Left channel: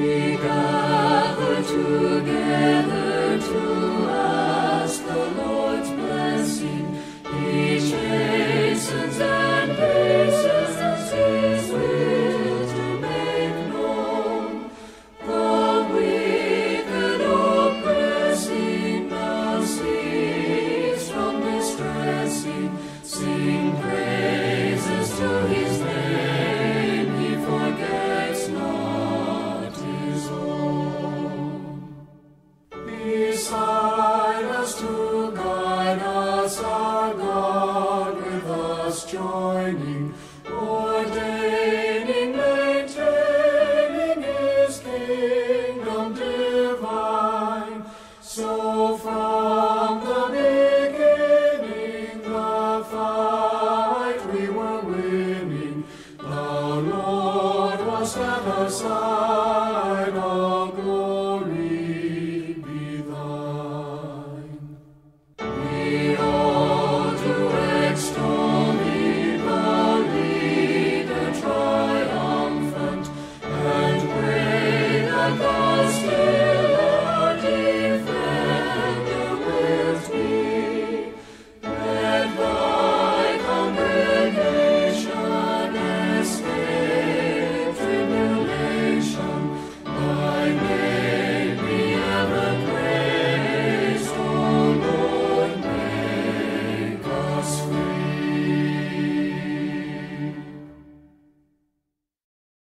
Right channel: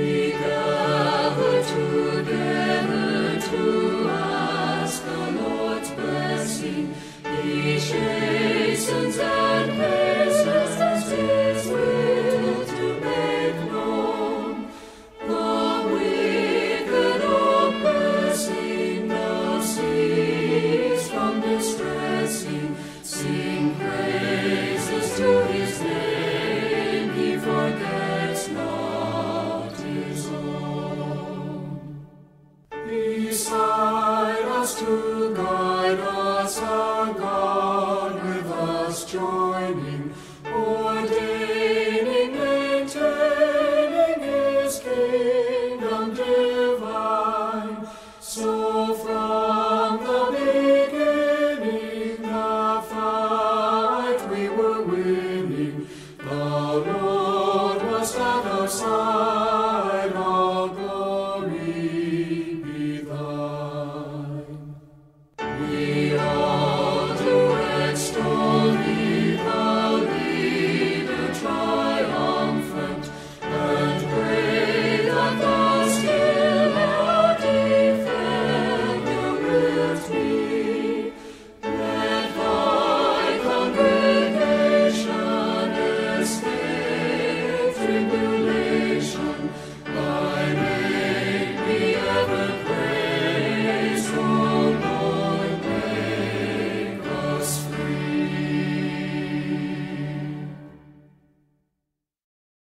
We gather together to ask the Lord's blessing. He chastens and hastens His will to make known. The wicked oppressing now cease from distressing. Sing praises to His name, He forgets not His own. Beside us to guide us, our God with us joining, ordaining, maintaining His kingdom divine. So from the beginning the fight we were winning. The Lord was at our side.